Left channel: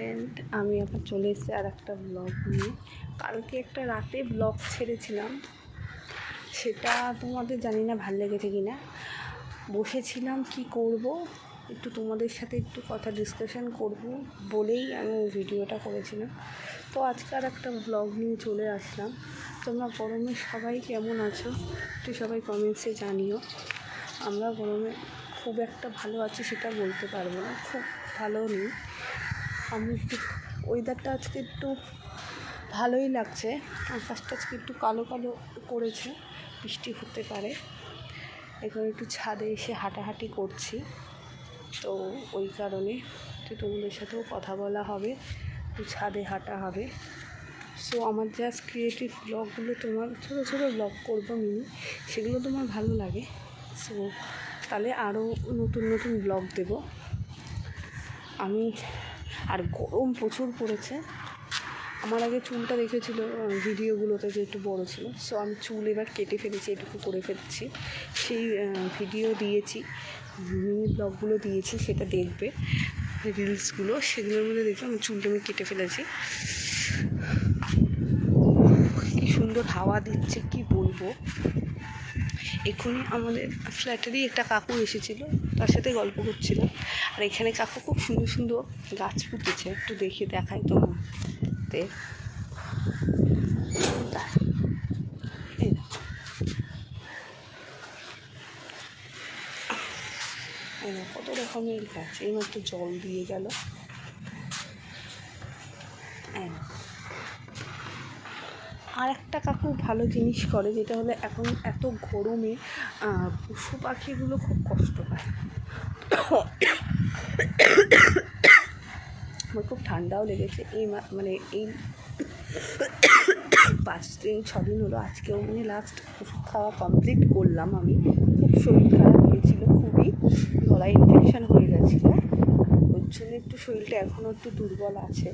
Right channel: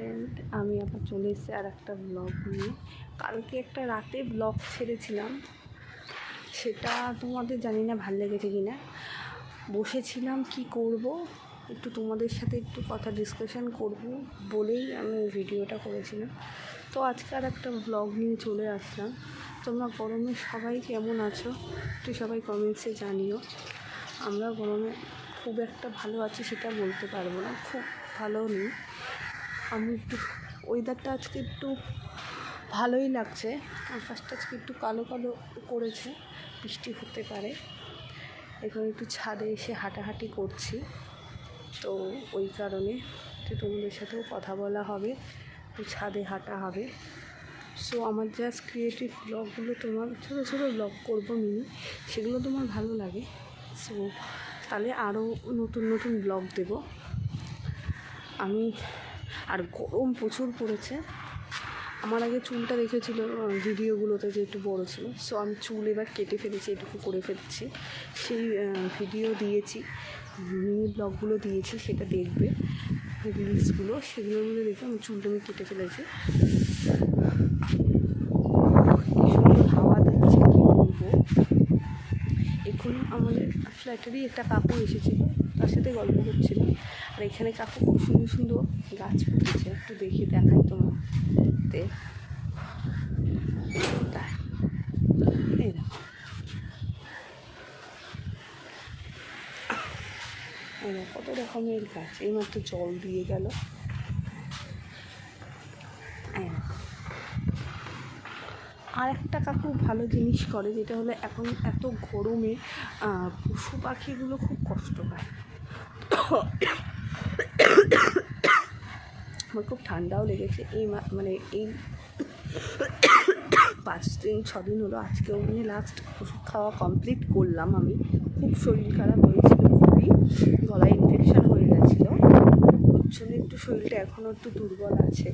Friend, আমি আবার চলে এসেছি আর একটা ব্লগ নিয়ে। কালকে একটা রাতে ব্লগ ছেড়েছিলাম, সেটা তোমাদের জানি না ভাল লেগেছে কি না। বসেছিলাম কি করব, একটু তোমাদের সাথে একটু কথা ডিসকাশন করব বলেই আমি ভিডিওটা করেছিলাম। তো আজকে আর একটা ব্লগ নিয়ে চলে আসলাম। তোমরা গরমে সবাই কেমন আছো তো সবাই কমেন্টসে জানিও। আমরা গরমে খুব একটা ভালো আছি সেটা বলতে পারবো না, খুব ভালো নেই। আমি একটু ওয়েদারটা আজকে একটু ভালোই লাগছে, আকাশটা আজকে একটু কালো কালো করেছে, বৃষ্টি হতে পারে। এখানে একটু ছাদে এসে হাঁটাহাঁটি করছি, তো ওই কারণে একটু তোমাদের সাথেও কথা বলা হবে, একটু ছাদে হাঁটা হবে। সো আমার জাস্ট ক্রিয়েটিভ ব্লগগুলো, তোমার ছোটো ছোটো ব্লগ করবো মিনি, সেগুলো তোমার ভালো লাগে। সো তাহলে আরও নতুন নতুন ব্লগ দেব আমি। আর গরম প্রচুর পড়েছে। আমার আগে চুলটা রেখেছিল ভিডিওগুলোতে যে একটু বড়ো ছিল, সো আমি চুল এবার কেটে ফেলেছি, এটুকু করে ফেলেছি। সেই ভিডিও দিয়েছি, মিনি ব্লগগুলো দিয়েছি, সেটা দেখবে রিলসগুলো, সেগুলোর মধ্যে দেখে আমি চুলটা আমি কেটে ফেলেছি। কি সুন্দর হাওয়া দিচ্ছে কি বলবো। এক্ষুনি আমাদের ফ্ল্যাটেরই একটা কাকু এসেছিলো, তার সাথে গল্প করছিলাম। আর এখানে কাকু খুব সুন্দর সুন্দর গাছ পুঁতেছে, একটু দেখে দেখাই তোমার। কত রকমের গাছ, এইমাত্র জল দিয়ে গেল। আর একটা কাকু ভালো জিনিস করে, যেটা হলো এখন এত গরমে পশু পাখিগুলো খুব কষ্ট পায়। আমার খুব ঠান্ডাও লেগেছে এই মানে এই 5-6 দিন হলো। আজকেও মানে লাস্ট ওষুধ খাওয়া কমপ্লিট করলাম আমি। খুব শরীর খারাপ হয়েছিল, খুবই গলায় ইনফেকশান হয়ে গেছিলো, ওর জন্য একটু শরীরটা এখনও একটু দুর্বল আছে।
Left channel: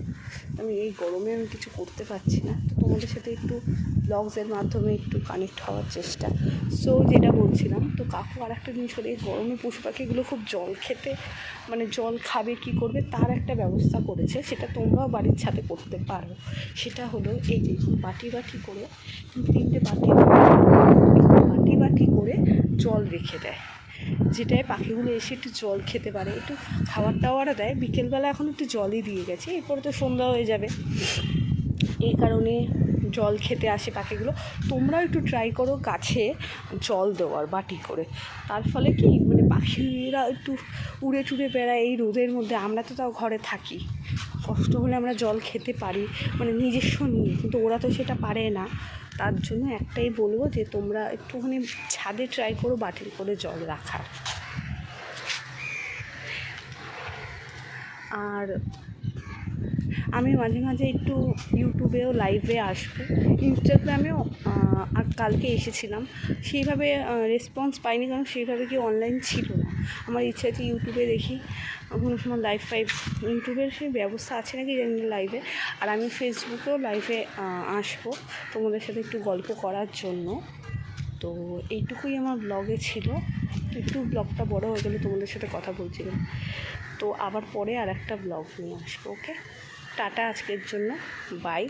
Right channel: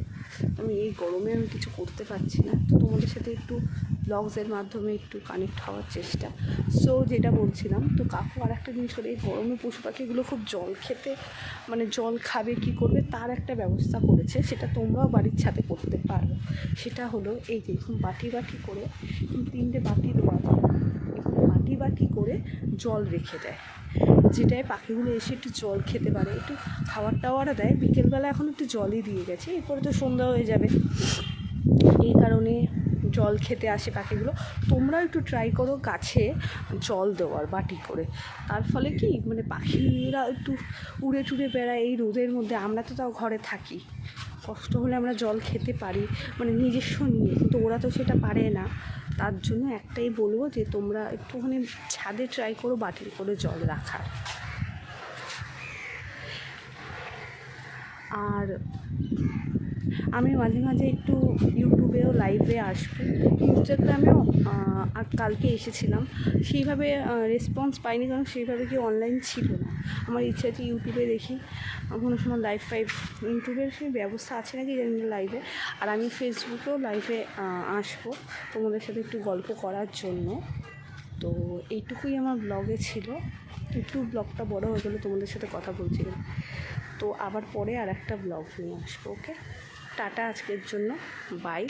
আমি এই গরমে আমি কিছু করতে পারছি না, তো তোমাদের সাথে একটু ব্লগসের মাধ্যমে একটু কানেক্ট হওয়ার চেষ্টা। সো যেটা বলছিলাম, তো কাকু আর একটা জিনিস করে, এই গরমে পশু পাখিগুলো খুব জল খেতে মানে জল খাবে কি করবে তার একটা ব্যবস্থা করেছে, সেটা তোমরাও বাড়ির ছাদে করতে পারো। সেটা হলো এই যে বাটি বাটি করে 3টে বাটি করে জল রেখে দেয়, যেটায় পাখিগুলো এসে একটু জল খেতে পারে, একটু খাবার টাওয়ারও দেয়। বিকেলবেলা এখন একটু জলই দিয়ে গেছে, এরপরে তো সন্ধ্যা হয়ে যাবে, এই কারণে জল খেতে আসে পাখিগুলো। তোমরাও একটু ট্রাই করো গাছে জল দেওয়ার বাটি করে। তার ফলে কি মানে পাখিরা একটু উড়ে টুড়ে বেড়ায় এই রোদের মধ্যে। আমরা তো তাও ঘরে থাকি, কষ্ট হলে আমরা জল খেতে পারি মানে নিজস্ব নিয়ে, কিন্তু ওরা তো সেটা পারে না। তার জন্য একটাই বলবো যে তোমরা একটুখানি ছাদে ট্রাই করো বাটির করে জল রাখার। আর আমি মাঝে মাঝে একটু ইউটিউবেও লাইভে আসবো, ইনস্টাগ্রামেও। আর কালকে এসেছিলাম, সেইভাবে রেসপন্স পাইনি, কারণ সেইভাবে কি অনলাইন ছিল না। আমার ইচ্ছা আছে ইউটিউবে দেখি কোনো সময় লাইভ ইউটিউবের সেই ব্যবস্থা আছে নাকি জানি না লাইভে। আর আমি ফেসবুকেও লাইভে আসবো তোমাদের সাথে একটু গল্প করার জন্য। তো এইটুকুই আমার ব্লগে ছিল, একটু ব্লগটা বড় হয়ে গেলে তোমাদের সাথে কথা বলছিলাম। তো আবার পরে আর একটা ব্লগ নিয়ে আসবো। ওকে, টাটা আজকের জন্য, বাই।